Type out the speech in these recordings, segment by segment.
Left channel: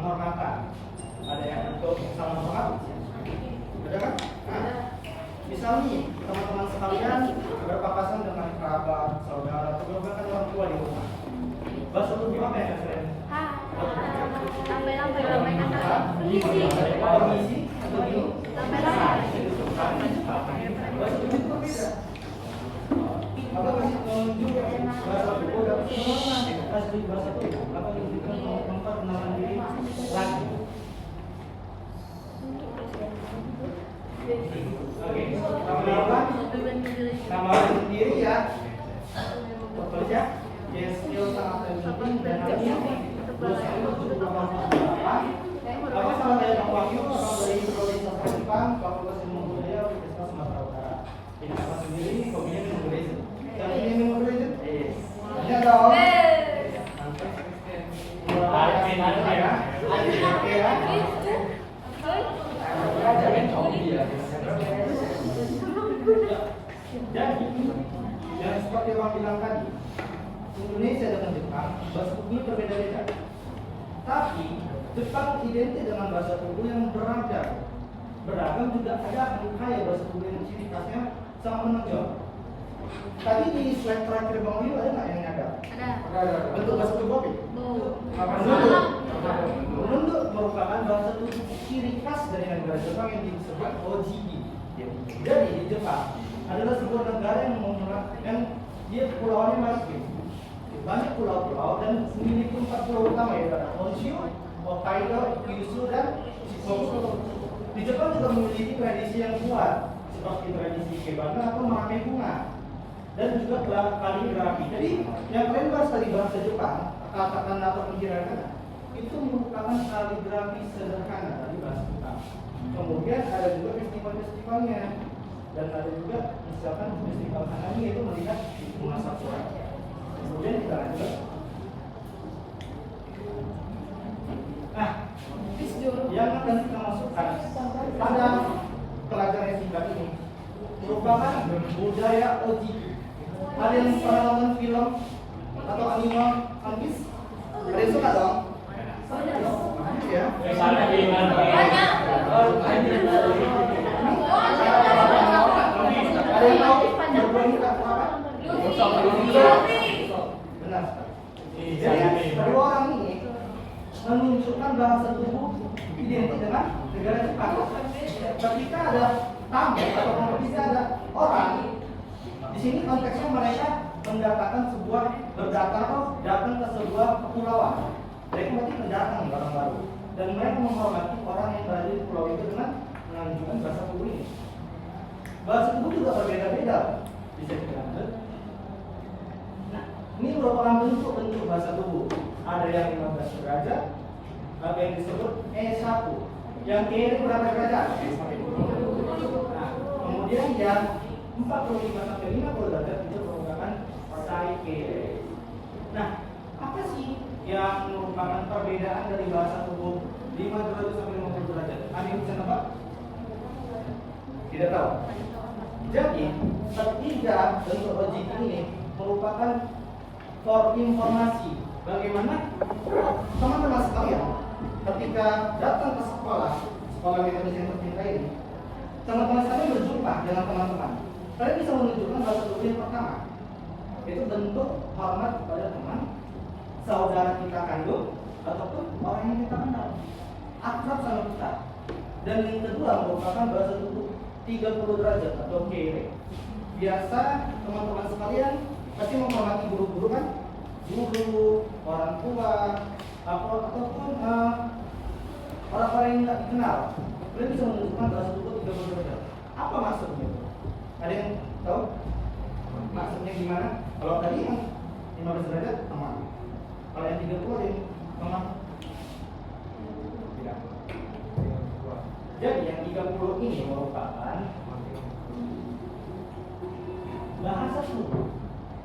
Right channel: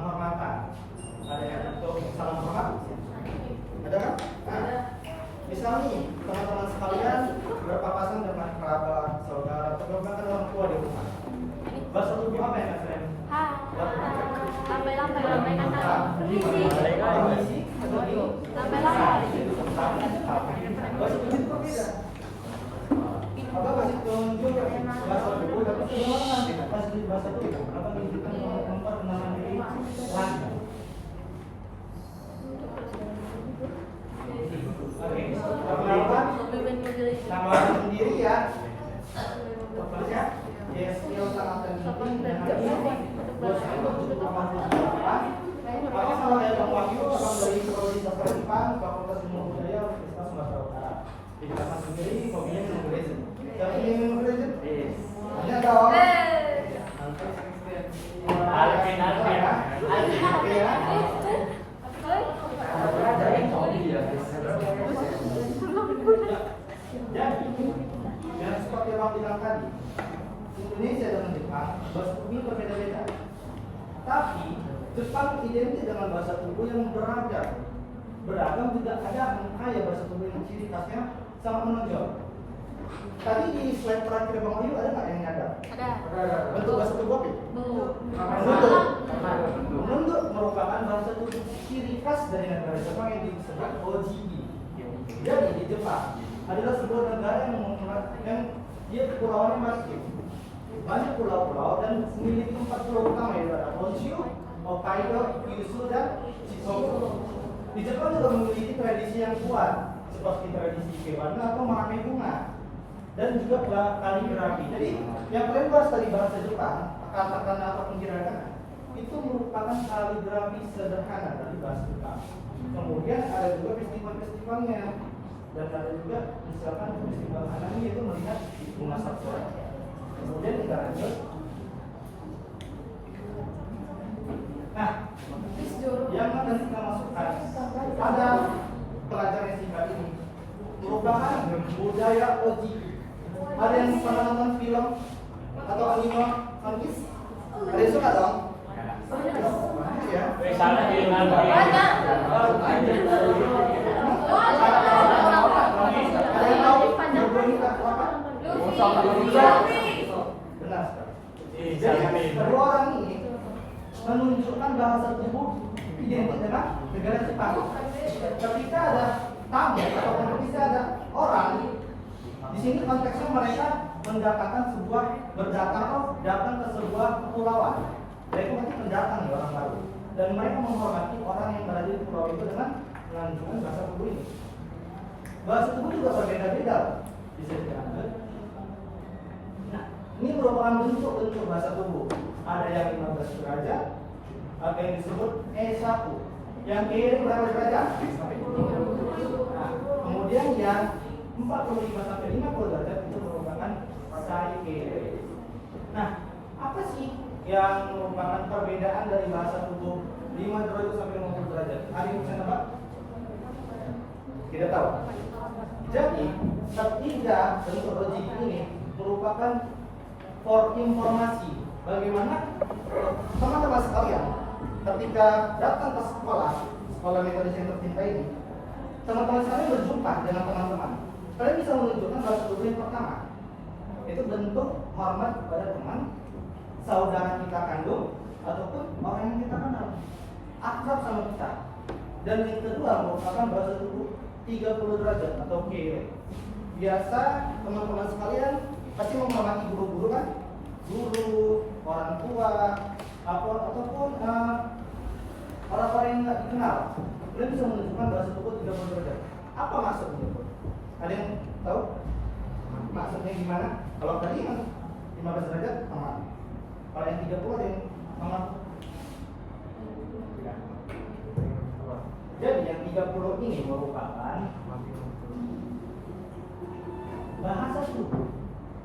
penghormatan. Ada yang untuk salam hormat? Ada kan? Nah, misal nih teman-teman sekalian berpapasan dengan kerabat, saudara, atau bahkan orang tua di rumah. Bahasa tubuh apa yang kalian? Lambai kata Permisi atau di? Bahasa tubuh berbeda. Apa masih tunjuk bahasa tubuh dapat penguatan asli bahasa tubuh? Apa menunjukkan tempat menahan diri lagi? Oke, nama orang sendiri ya. Terus ya, dia skill sangat penting dan apa sama kayak Bang Wahyu, Abang dari Prodi Sastra Jepang, Fakultas Ilmu Budaya Universitas Sumatera Utara. Di Jepang sendiri, hobinya minum gereja. Tapi ini minum gereja? Ini ada orang. Jadi, yang seperti Abang bilang tadi, Indonesia dengan Jepang, bahasa tubuhnya berbeda-beda. Tapi, Jepang identik dengan bahasa tubuh yang beragam juga ada kaya bahasa tubuh yang ciri khasnya sangat menonjol. Tadi di slide terakhir Bang Wahyu ada nggak yang ada? Ada. Bentuk bahasa tubuh apa? Menunduk merupakan bahasa tubuh ciri khas dari negara Jepang yang disebut OJI. Jadi di Jepang adalah sebuah negara yang dia kepulauannya maritim. Banyak pulau-pulau dan memiliki 4 pulau utama ya, ada Honshu, Hokkaido, Kyushu, dan Shikoku. Di Jepang juga memiliki tradisi yang kuat seperti tradisi ikebana atau mengamai bunga dan juga kaligrafi. Jadi yang kalian bahas tadi bahasa Jepang, katakana atau hiragana itu merupakan kaligrafi sederhana dari bahasa Jepang. Kemudian ada juga festival-festivalnya dan ada juga misalkan festival anime itu melihat memasak suara. Kemudian kita lanjut. Nah, yang akan kita masukkan pada pelajaran SIBA ini merupakan budaya OJI. Ada yang pernah nonton film atau anime One? Ada yang suka dong? Ya. Ada yang tahu berbuat apa? Benar. Jadi kedua orang ini menunjukkan bahasa tubuh identik dengan negara Jepang. Ketika ada tamu atau ketika ada orang, di sini konteksnya mereka mendatangkan datang ke sebuah kepulauan. Mereka berarti pendatang ya, orang baru. Dan mereka menghormati orang yang berada di pulau itu dengan menunjukkan bahasa tubuh ini. Bahasa tubuh juga berbeda-beda, bisa dikatakan. Nah, ini merupakan bentuk-bentuk bahasa tubuh. Ada yang 15 derajat, ada yang disebut E1. Yang kiri berapa derajat? Nah, kemudian yang 45 sampai 50 derajat itu merupakan Saike. Nah, apa sih yang merupakan perbedaan dari bahasa tubuh 5 derajat sampai 50 derajat? Ada yang bisa nebak? Tidak tahu. Jadi, ketiga bentuk OJI ini merupakan for informasi. Bagaimana teman-teman sekalian ketika datang ke sekolah metode yang tercinta ini, teman-teman sekalian berjumpa dengan teman-teman, kalian bisa menunjukkan bahasa tubuh yang pertama, itu bentuk hormat kepada teman, saudara kita kandung, ataupun orang yang kita kenal, akrab sama kita. Dan yang kedua merupakan bahasa tubuh 30 derajat atau kiri. Biasa teman-teman sekalian pasti menghormati guru-guru kan? Guru, orang tua, ataupun orang-orang yang tidak dikenal. Kalian bisa menunjukkan bahasa tubuh 30 derajat. Apa maksudnya? Ada yang tahu? Maksudnya gimana? Kalau tadi yang 15 derajat sama. Kalau yang 30 ada yang mana? Tidak. Jadi yang 30 ini merupakan bahasa tubuh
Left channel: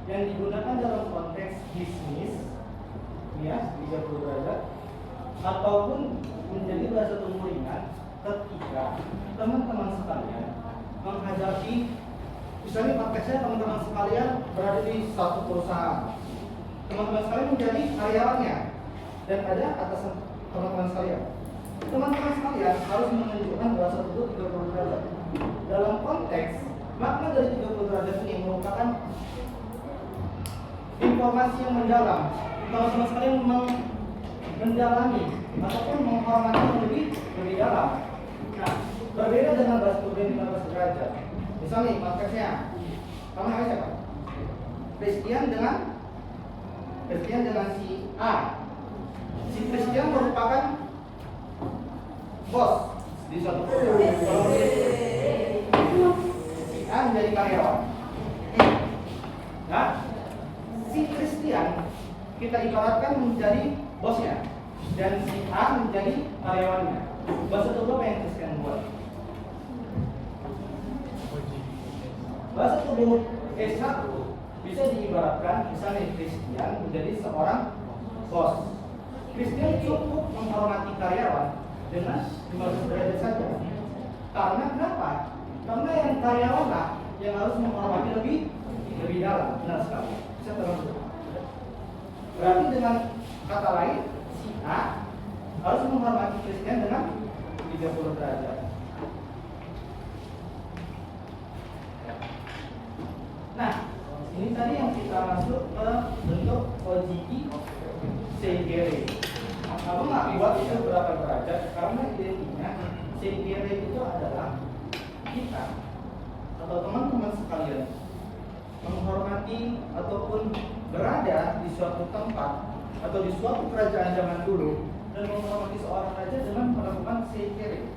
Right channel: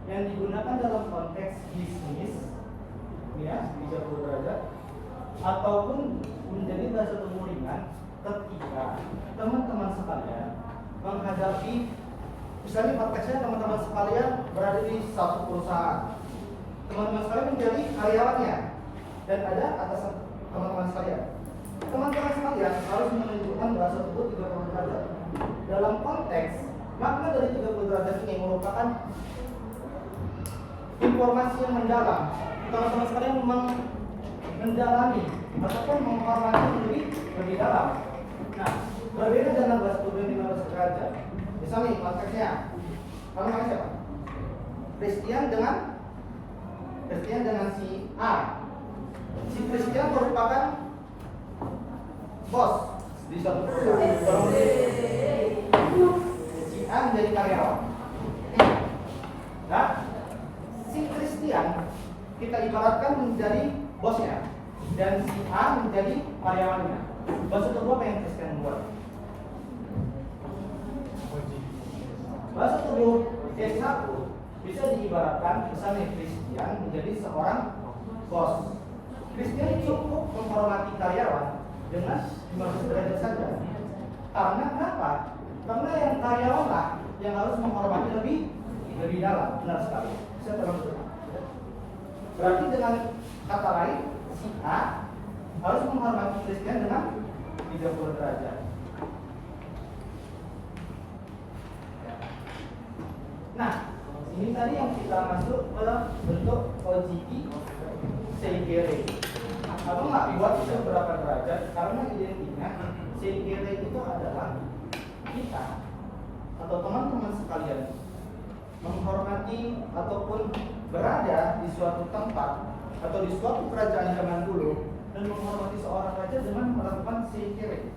yang digunakan dalam konteks bisnis, ya, 30 derajat, ataupun menjadi bahasa tubuh ringan ketika teman-teman sekalian menghadapi, misalnya konteksnya teman-teman sekalian berada di satu perusahaan, teman-teman sekalian menjadi karyawannya, dan ada teman-teman sekalian. Teman-teman sekalian harus menunjukkan bahasa tubuh 30 derajat. Dalam konteks makna dari 30 derajat ini merupakan informasi yang mendalam. Teman-teman sekalian mendalami ataupun menghormati lebih dalam. Nah, berbeda dengan bahasa tubuh yang 15 derajat. Misalnya konteksnya, kamu namanya siapa? Christian dengan si A. Si Christian merupakan bos di suatu perusahaan. Si A menjadi karyawan. Nah, si Christian kita ibaratkan menjadi bosnya dan si A menjadi karyawannya. Bahasa tubuh apa yang Christian buat? Bahasa tubuh S1 bisa diibaratkan misalnya Christian menjadi seorang bos. Christian cukup menghormati karyawan dengan 15 derajat saja. Karena kenapa? Karena yang karyawan lah yang harus menghormati lebih dalam. Benar sekali. Bisa terus. Berarti dengan kata lain, si A harus menghormati Christian dengan 30 derajat. Nah, ini tadi yang kita masuk ke bentuk ojiki seigere. Nah, kamu nggak buat itu berapa derajat karena identiknya seigere itu adalah kita atau teman-teman sekalian menghormati ataupun berada di suatu tempat atau di suatu kerajaan zaman dulu dan menghormati seorang raja dengan melakukan seigere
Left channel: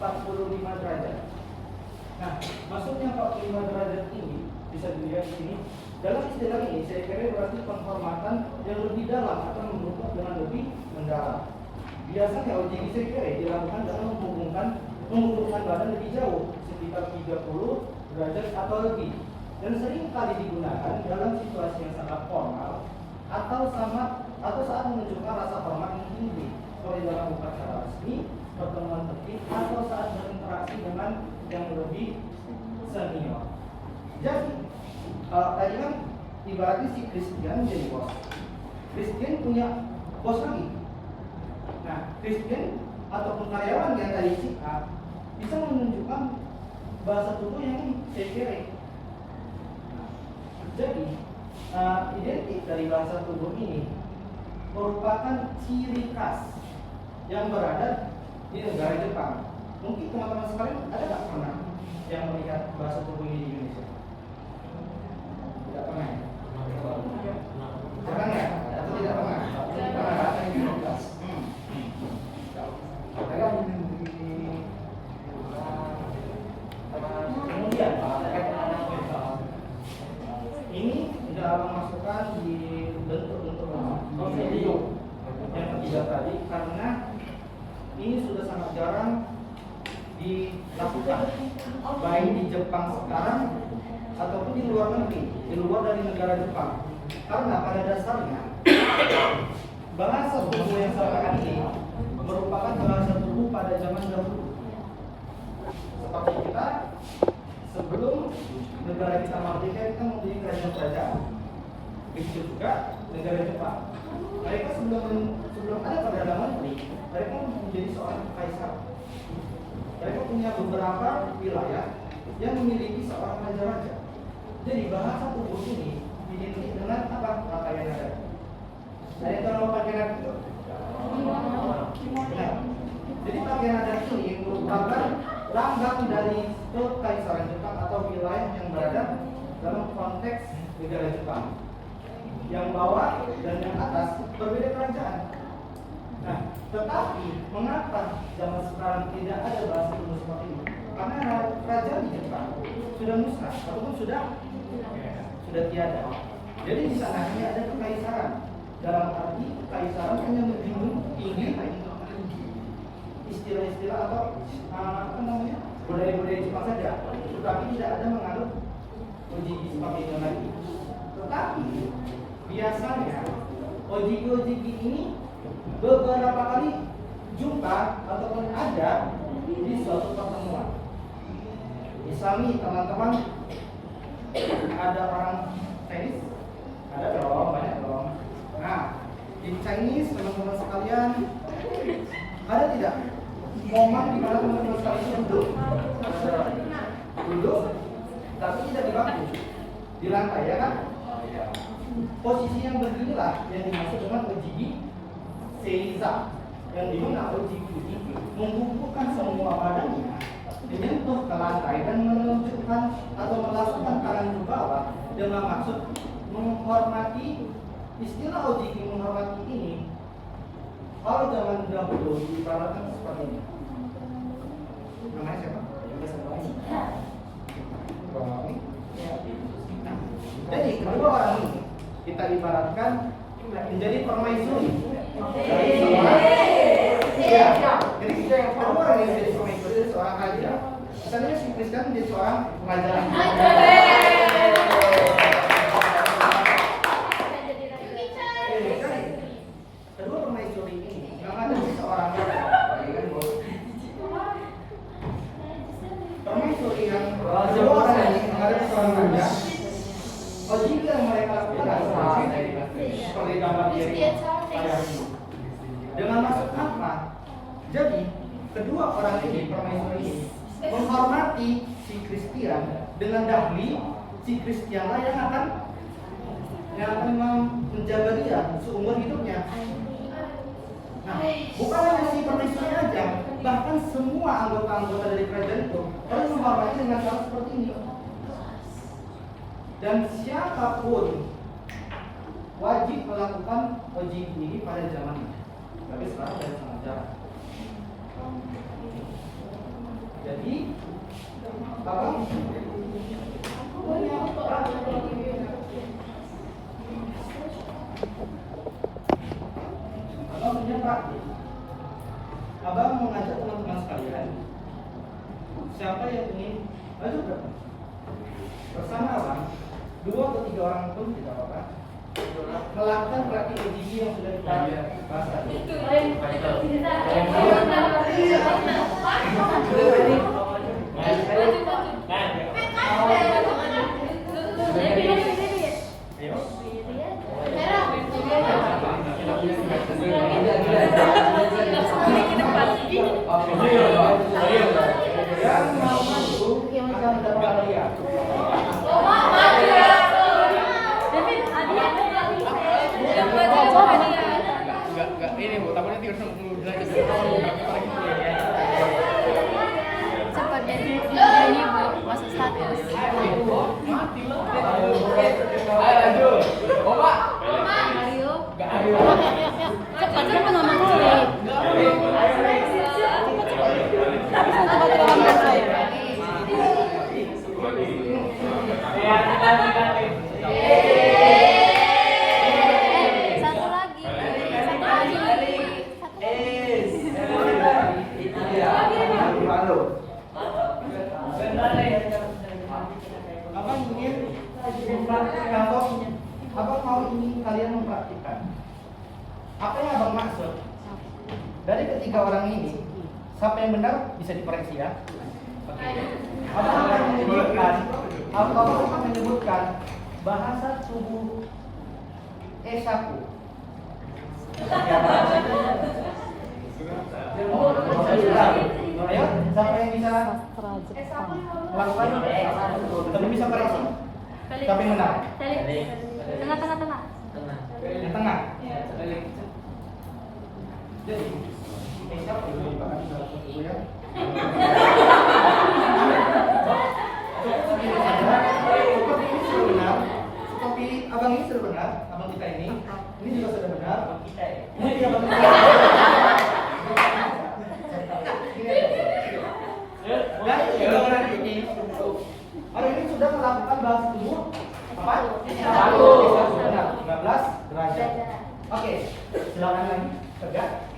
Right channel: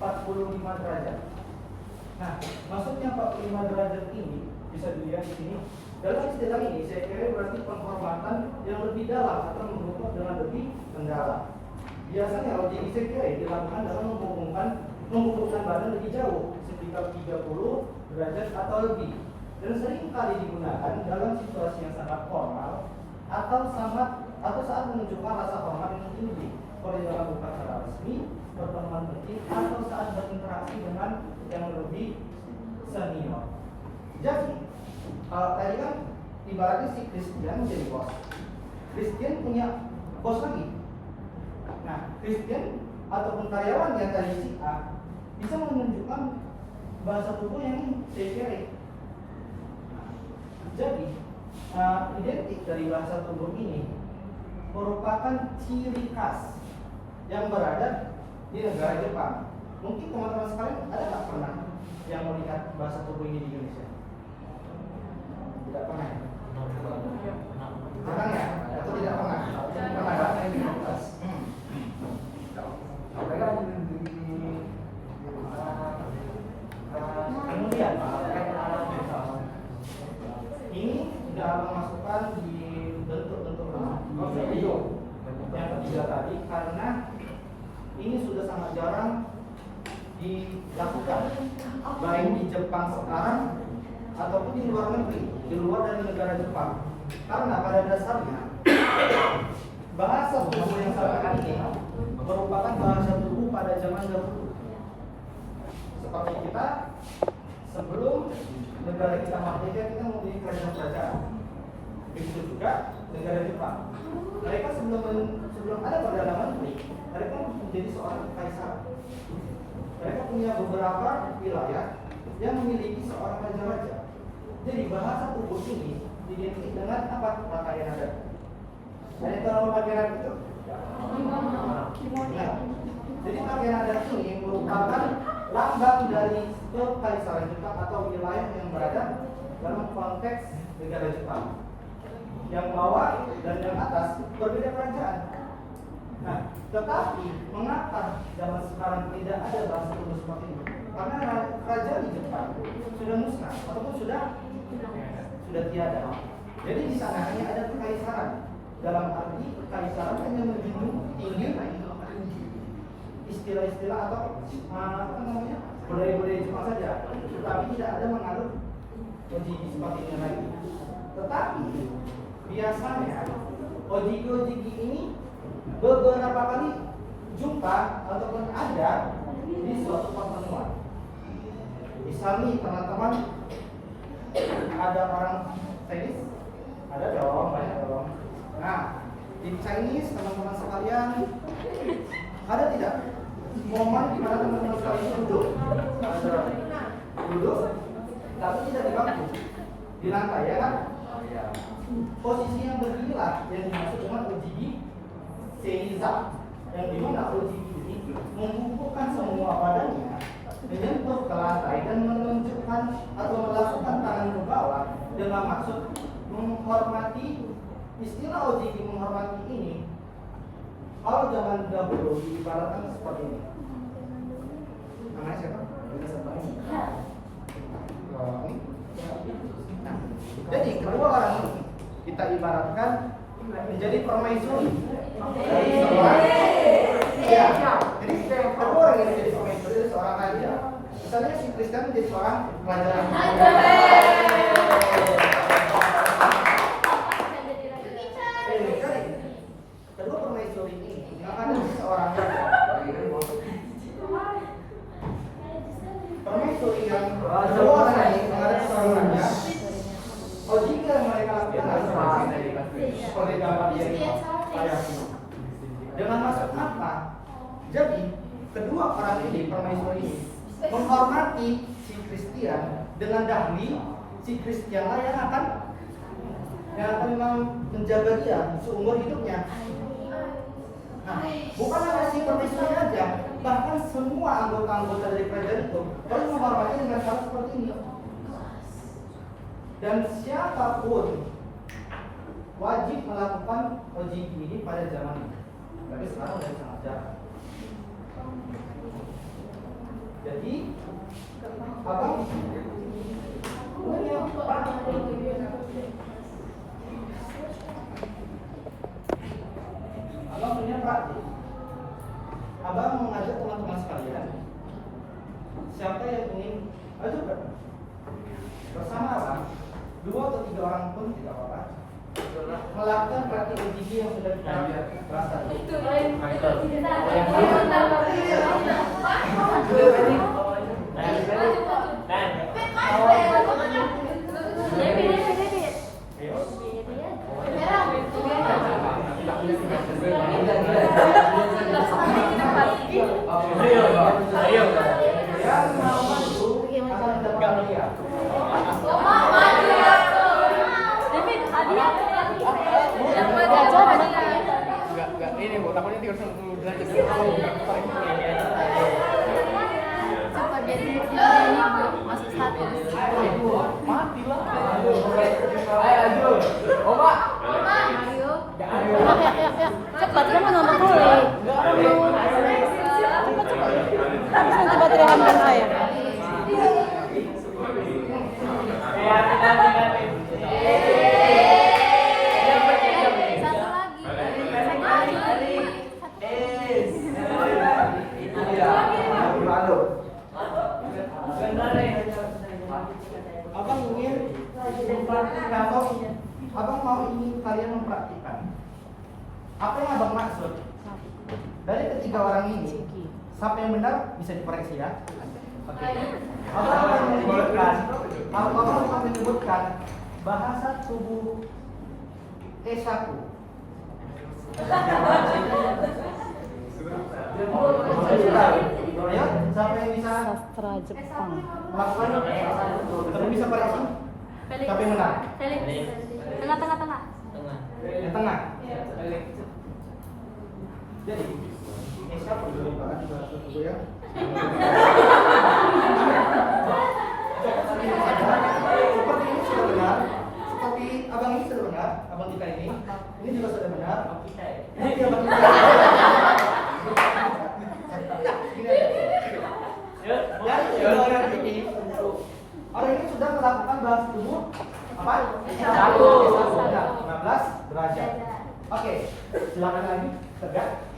45 derajat. Nah, maksudnya 45 derajat ini bisa dilihat di sini. Dalam istilah ini, saya kira berarti penghormatan yang lebih dalam atau mengukur dengan lebih mendalam. Biasanya ojeki sekere dilakukan dalam menghubungkan badan lebih jauh, sekitar 30 derajat atau lebih, dan sering kali digunakan dalam situasi yang sangat formal atau saat menunjukkan rasa hormat yang tinggi, seperti dalam upacara resmi, pertemuan penting, atau saat berinteraksi dengan yang lebih senior. Jadi, tadi kan ibaratnya si Christian jadi bos. Christian punya bos lagi. Nah, Christian ataupun karyawan yang tadi si A bisa menunjukkan bahasa tubuh yang seigere. Jadi, identik dari bahasa tubuh ini merupakan ciri khas yang berada di negara Jepang. Mungkin teman-teman sekalian ada nggak pernah yang melihat bahasa tubuh ini di Indonesia? Tidak pernah. Pernah ya? Atau tidak pernah? Pernah. Kemudian ini sudah abang masukkan di bentuk-bentuk video yang ketiga tadi karena ini sudah sangat jarang dilakukan baik di Jepang sekarang ataupun di luar negeri, di luar dari negara Jepang. Karena pada dasarnya bahasa tubuh yang sekarang ini merupakan bahasa tubuh pada zaman dahulu. Seperti kita sebelum negara kita merdeka, kita menjadi kerajaan. Begitu juga negara Jepang. Mereka sebelum ada perdana menteri, mereka menjadi seorang kaisar. Mereka punya beberapa wilayah yang memiliki seorang raja-raja. Jadi bahasa tubuh ini identik dengan apa? Pakaian adat. Ada yang tahu pakaian adat itu? Benar. Jadi pakaian adat ini merupakan lambang dari kekaisaran Jepang atau wilayah yang berada dalam konteks negara Jepang. Yang bawah dan yang atas berbeda kerajaan. Nah, tetapi mengapa zaman sekarang tidak ada bahasa tubuh seperti ini? Karena kerajaan di Jepang sudah musnah ataupun sudah tiada. Jadi di sana hanya ada kekaisaran. Dalam arti kekaisaran hanya menjunjung tinggi istilah-istilah atau budaya-budaya Jepang saja, tetapi tidak ada menganut ojiki seperti ini lagi. Tetapi biasanya ojiki ini beberapa kali jumpa ataupun ada di suatu pertemuan. Misalnya teman-teman ada orang Chinese, ada dong, banyak dong. Nah, di Chinese teman-teman sekalian momen di mana teman-teman sekalian duduk, tapi tidak di bangku, di lantai ya kan? Posisi yang berdirilah yang dimaksud dengan OJB Seiza, yang dimana OJB ini membukukan semua badannya menyentuh ke lantai dan menunjukkan atau melakukan tangan ke bawah dengan maksud menghormati. Istilah OJB menghormati ini kalau zaman dahulu diibaratkan seperti ini. Namanya siapa? Jadi kedua orang ini kita ibaratkan menjadi permaisuri dari seorang. Ya, jadi kedua orang ini menjadi permaisuri dari seorang raja. Misalnya si Kristen menjadi seorang raja lagi. Kedua permaisuri ini yang ada di seorang raja. Permaisuri yang kedua orang ini menghadapi seorang raja. OJB yang mereka lakukan seperti dalam diri ayat ini. Dengan maksud apa? Jadi kedua orang ini permaisuri ini menghormati si Kristian dengan dahli. Si Kristianlah yang akan menjaga dia seumur hidupnya. Nah, bukan hanya si permaisuri aja, bahkan semua anggota-anggota dari kerajaan itu harus menghormati dengan cara seperti ini. Dan siapapun wajib melakukan OJB ini pada zaman ini. Tapi sekarang sudah sangat jarang. Jadi apa? Abang punya praktik. Abang mengajak teman-teman sekalian, siapa yang ingin bersama abang, 2 atau 3 orang pun tidak apa-apa, melakukan praktik OJB yang sudah kita bahas tadi. Ini bu, takutnya tidur sama belajar dulu. Cepat jadi ini masuk status. Mati lah. Ayo Aju. Oma. Ayo. Enggak ayo. Ya. Cepat kan ngomong sih. Coba terlambat saya. Abang ingin mempraktikkan atau abang mau ingin kalian mempraktikkan apa yang abang maksud dari ketiga orang ini. Siapa yang benar bisa dikoreksi ya. Oke. Abang akan menyebutkan bahasa tubuh Esaku. Ayo, siapa yang bisa melakukan? Tapi bisa koreksi. Siapa yang benar? Tengah. Yang tengah. Jadi, Esaku dibahas di bahasa tubuh ya. Seperti ini sudah benar. Seperti abang ini sudah benar. Abang kita ini juga sudah benar. Ini dia abang kita. Orang ini sudah melakukan bahasa tubuh apa? 15 derajat. Oke, silakan lagi tegak.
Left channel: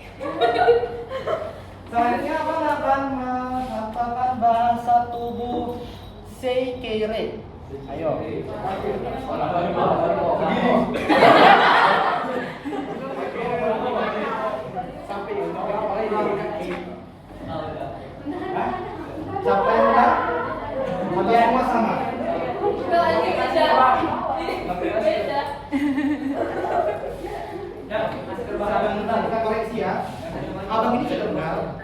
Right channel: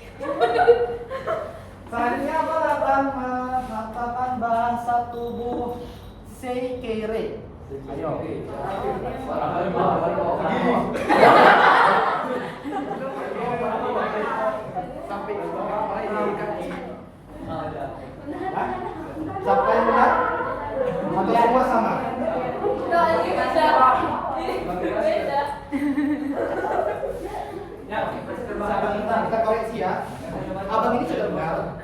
Selanjutnya apa akan melakukan bahasa tubuh Seikere? Ayo. Siapa yang benar? Atau semua sama? Kita koreksi ya. Abang ini sudah benar.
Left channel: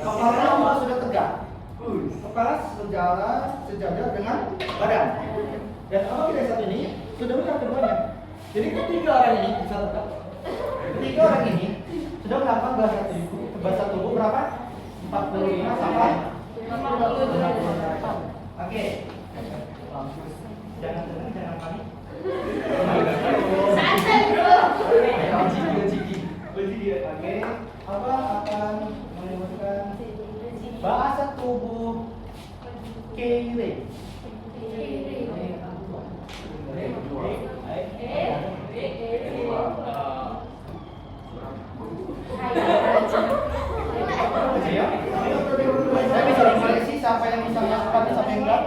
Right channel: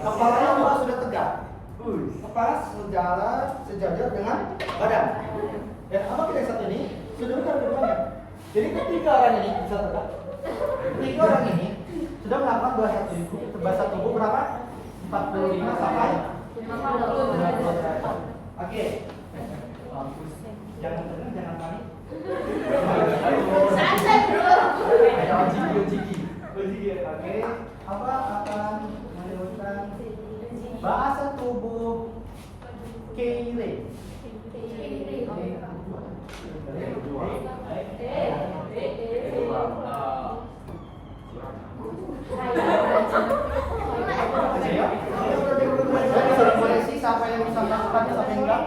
Kepalanya juga sudah tegak. Kepala sejajar dengan badan. Dan apabila yang satu ini sudah benar keduanya. Jadi ketiga orang ini bisa tegak. Ketiga orang ini sudah melakukan bahasa tubuh berapa? 45 sampai 50 derajat. Oke. Jangan tegang, jangan panik. Santai, bro. Oke. Apa akan menyebutkan bahasa tubuh kiri? Siapa yang bisa melakukannya sampai enggak?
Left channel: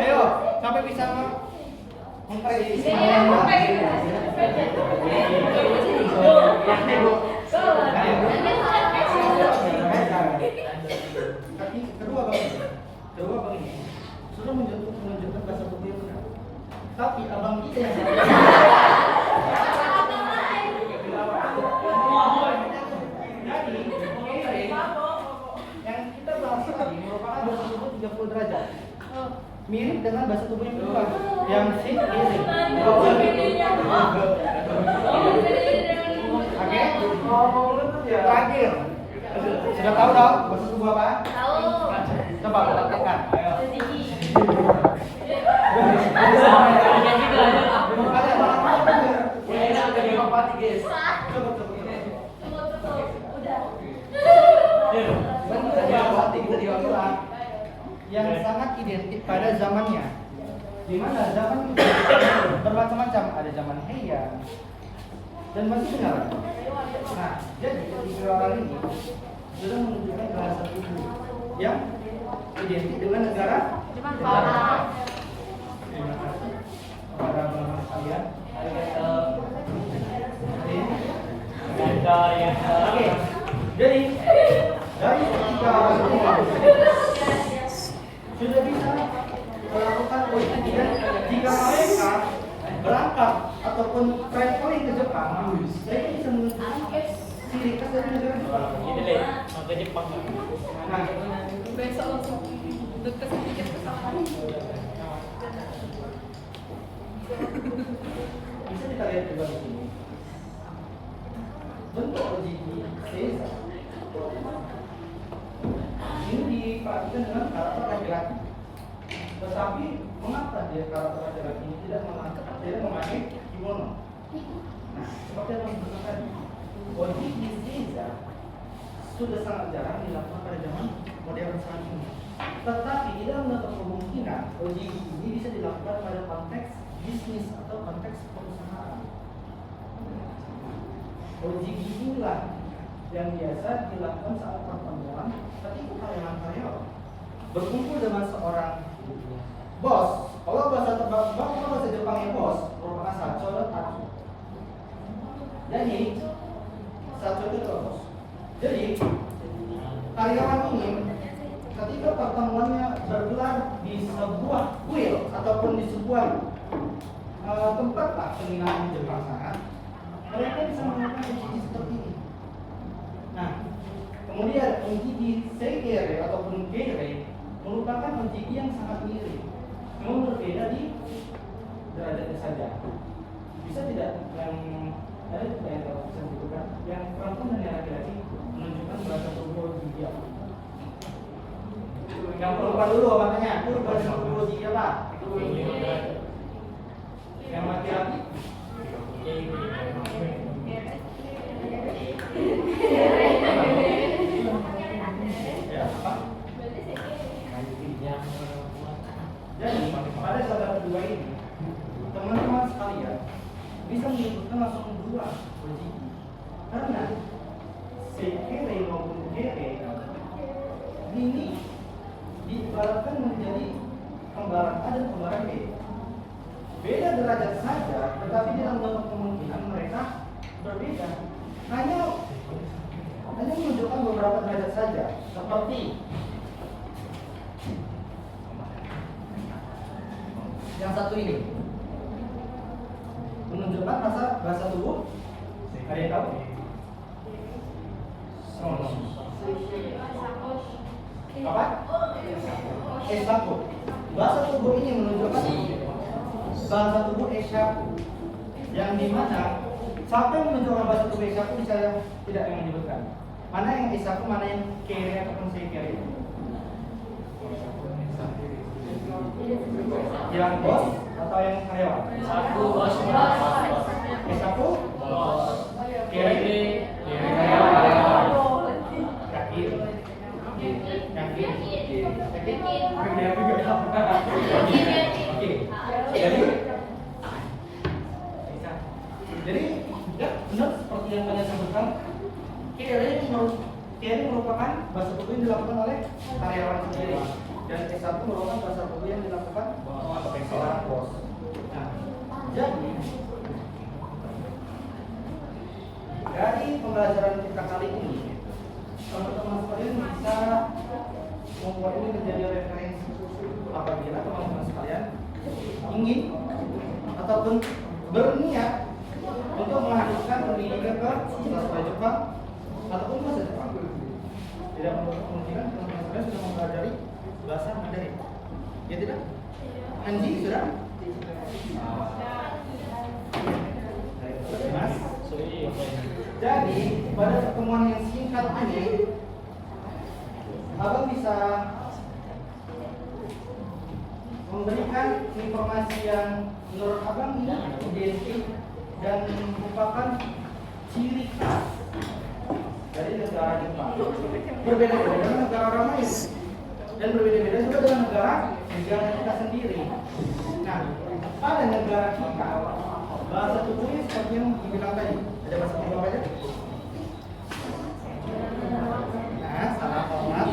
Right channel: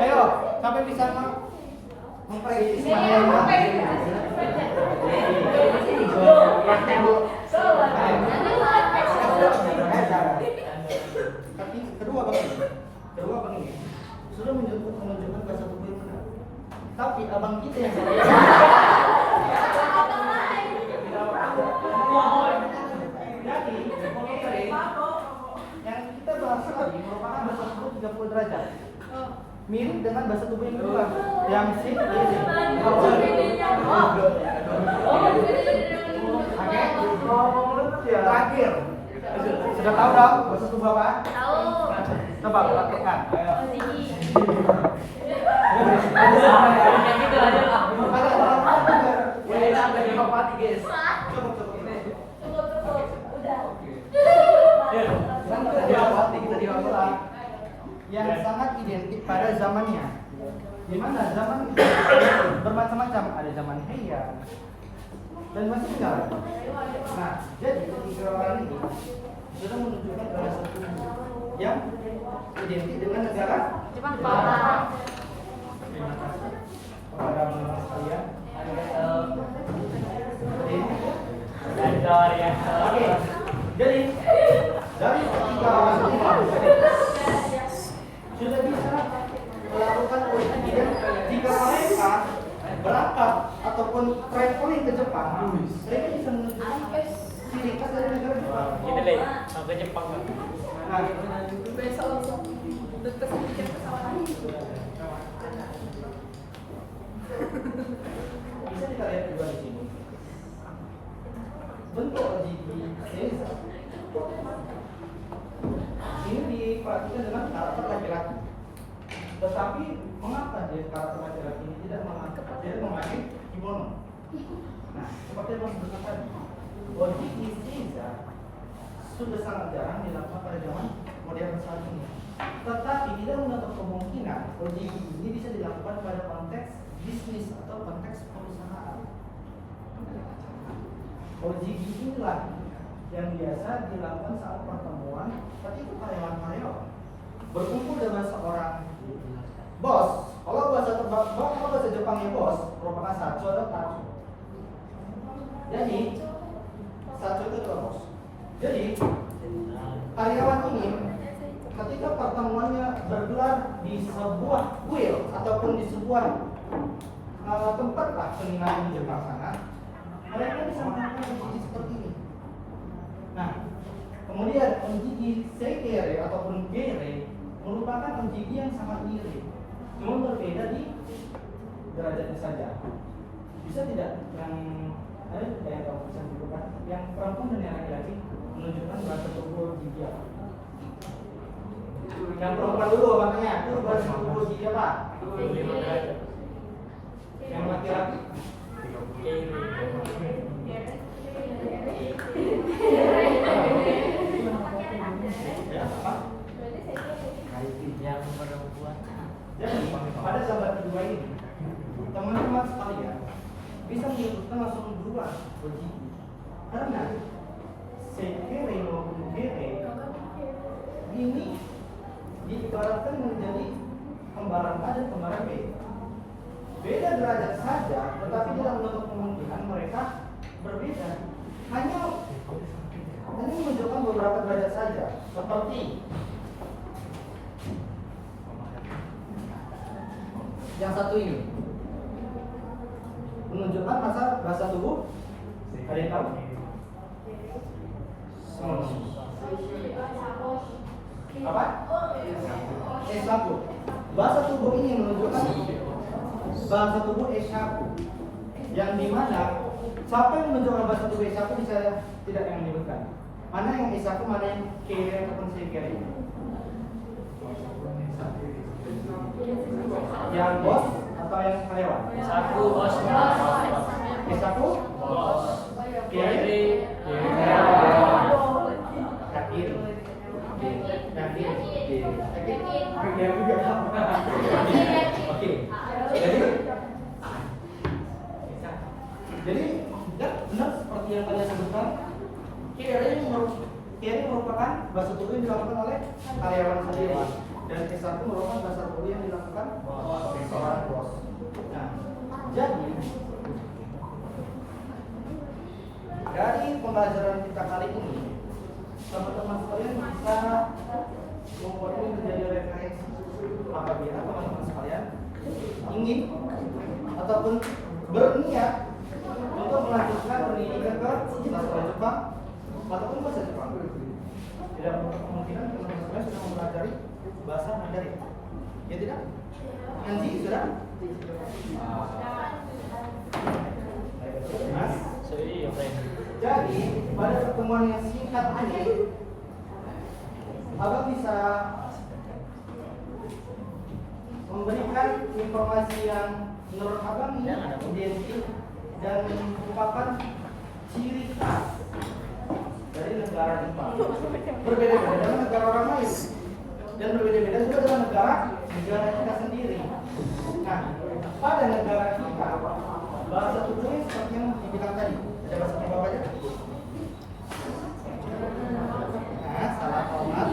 Ayo, sampai bisa memprediksi. Kedua begini. Sudah menunjukkan bahasa tubuh yang benar. Tapi abang kita yang yang kita bahas tadi merupakan bahasa tubuh 30 derajat. Mirip dengan bahasa tubuh yang kedua, yang sing is. Terakhir, sudah tahu dong bahasa tubuh apa? Tahu. Coba praktekkan. Ayo. Yang sangat identik pada zamannya, di mana zaman itu bermacam-macam, ada zaman Heya dan masih benar. Nah, jadi tiga orang ini sudah menunjukkan bahasa tubuh yang identik dengan negara Jepang. Terima kasih kepada teman-teman sekalian. Oke, jadi dari tiga orang ini sudah bisa melakukan politik jika mereka berangkat ataupun traveling ke Jepang, mereka bisa menunjukkan ciri khas dari negara Jepang. Sampai Jepang. Nah, Besok langsung deket sedikit pesawat. bisa kita lihat juga di sini. Bentuk di Caesar ini diperhatikan dengan karakter laki-laki. Tetapi mengapa dia karakter laki-laki ini tidak memakai kimono? Nah, seperti yang saya tadi, body Caesar sudah sangat jarang dilakukan pada zaman modern saat ini. Tetapi tidak menutup kemungkinan OJI ini bisa dilakukan pada konteks bisnis atau konteks perusahaan. OJI inilah yang biasa dilakukan saat pertemuan ketika karyawan-karyawan berkumpul dengan seorang bos. Kalau bahasa Jepangnya bos merupakan sacho dan tachi. Jadi sacho itu bos. Jadi karyawan ini ketika pertemuannya bergelar di sebuah kuil ataupun di sebuah tempat lah penginapan di Jepang sana, mereka bisa melakukan uji seperti ini. Nah, kemudian uji seikere ataupun geire merupakan uji yang sangat mirip, cuma berbeda di derajatnya saja. Bisa tidak yang ada yang bisa dibutuhkan yang perempuan dan yang laki-laki menunjukkan bahasa tubuh dia. Yang perempuan dulu makanya itu bahasa tubuh dia Pak. Yang laki-laki jadi pada sahabat kedua ini teman-teman sekalian bisa menyebutkan langsung dua uji karena seikere maupun geire ini diibaratkan menjadi kembaran A dan kembaran B. Beda derajat saja, tetapi tidak menutup kemungkinan mereka berbeda. Hanya Hanya menunjukkan beberapa derajat saja, seperti yang satu ini. Menunjukkan bahasa tubuh. Ada yang tahu? Apa? S1. Bahasa tubuh ini menunjukkan bahasa tubuh S1. Yang dimana siapa yang menunjukkan bahasa tubuh S1 bisa tidak menyebutkan. Mana yang S1, mana yang kiri ataupun sekiri? Yang bos atau yang karyawan? S1 bos. Kiri yakin. Jadi ya benar seperti yang kalian sebutkan, kiri merupakan bahasa tubuh yang dilakukan oleh karyawan sendiri, dan S1 merupakan bahasa tubuh yang dilakukan oleh seorang bos. Nah, jadi dari pembelajaran kita kali ini, teman-teman sekalian bisa membuat ini menjadi referensi apabila teman-teman sekalian ingin ataupun berniat untuk melanjutkan pendidikan ke bahasa Jepang ataupun bahasa Jepang. Tidak kemungkinan teman-teman sekalian sudah mempelajari bahasa Mandarin. Ya tidak? Kanji sudah? Mas? Jadi pada pertemuan yang singkat ini, abang bisa memberikan informasi yang menurut abang ini identik dan merupakan ciri khas dari negara Jepang. Berbeda-beda dengan negara orang lain dan berbeda-beda juga dengan negara kita sendiri. Nah, pada negara kita bahasa tubuhnya seperti yang dibilang tadi. Ada bahasa tubuh apa aja? Nah, salah hormat.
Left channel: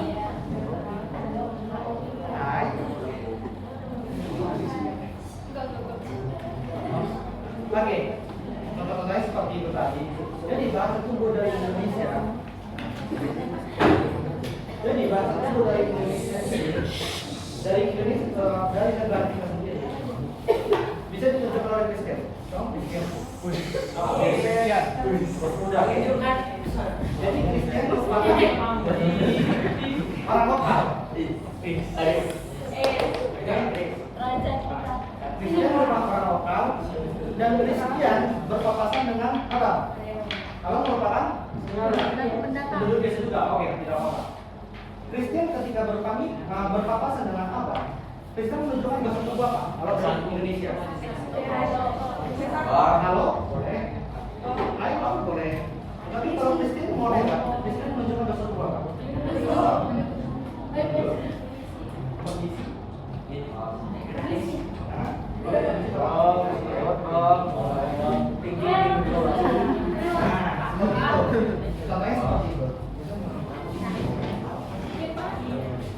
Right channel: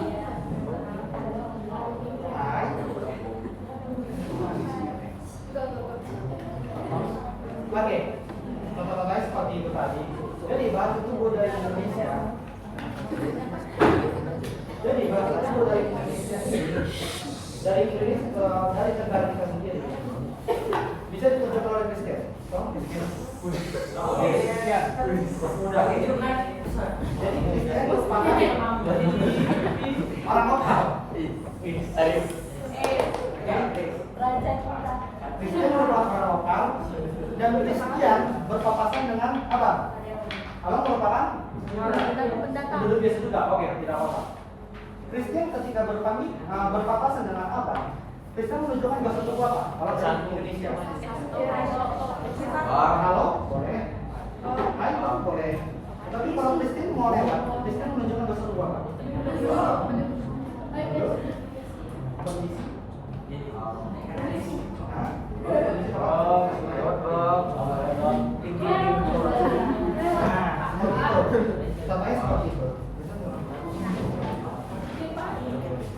Hai. Oke, contoh lain seperti itu tadi. Jadi bahasa tubuh dari Indonesia. Dari negara kita sendiri. Bisa ditunjukkan oleh Kristen. Jadi Kristen merupakan orang lokal. Kristen merupakan orang lokal dan Kristen berpapasan dengan apa? Abang merupakan penduduk desa juga. Oke, tidak apa-apa. Kristen ketika berpapasan dengan abang, Kristen menunjukkan bahasa tubuh apa? Kalau dari Indonesia. Halo, boleh. Ayo, boleh. Tapi kalau Kristen mau lewat, Kristen menunjukkan bahasa tubuh apa? Kondisi.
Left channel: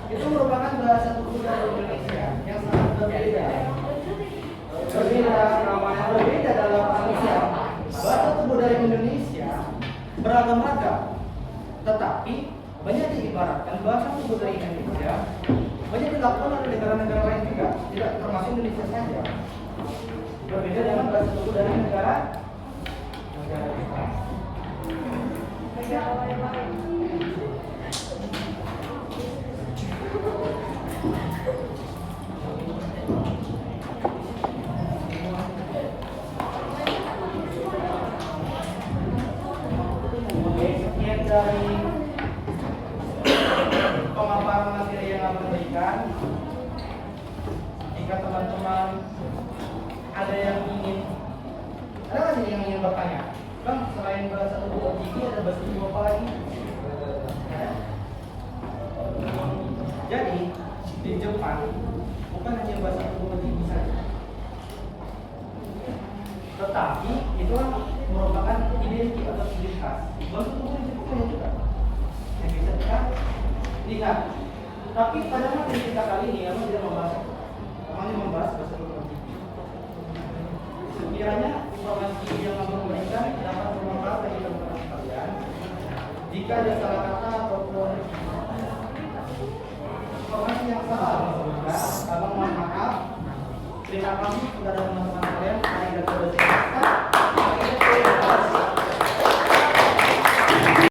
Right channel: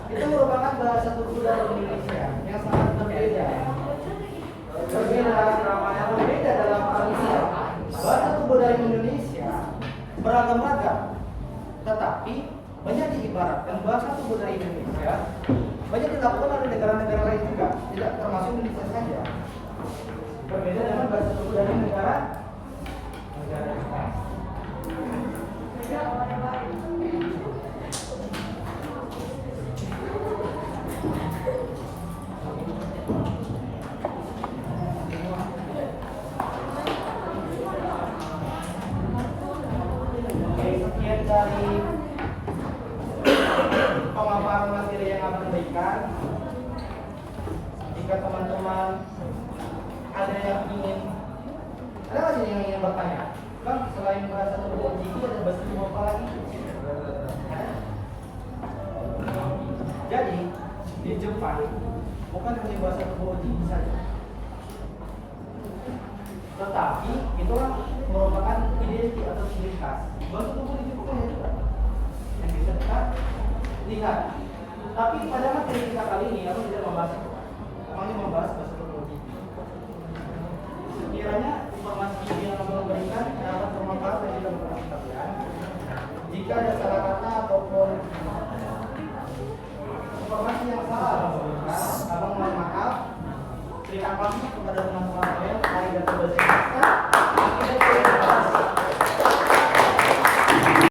Itu merupakan bahasa tubuh dari Indonesia yang sangat berbeda dalam arti bahasa tubuh dari Indonesia beragam-ragam, tetapi banyak diibaratkan bahasa tubuh dari Indonesia banyak dilakukan oleh negara-negara lain juga, tidak termasuk Indonesia saja. Berbeda dengan bahasa tubuh dari negara lain. Sekian dari pemaparan materi yang akan diberikan. Jika teman-teman ada yang ingin, ada nggak sih yang ingin bertanya? Bang, selain bahasa tubuh OJT ada bahasa tubuh apa lagi? Jadi di Jepang bukan hanya bahasa tubuh OJT saja, tetapi itu kan merupakan identitas atau ciri khas. Bahasa tubuh di Jepang banyak juga yang bisa kita lihat. Tapi pada materi kita kali ini aku tidak membahas itu. Kami membahas bahasa tubuh OJT. Sekiranya informasi yang aku berikan dapat bermanfaat bagi teman-teman sekalian, Abang mohon maaf. Terima kasih kepada teman-teman kalian. Arigatou gozaimasu.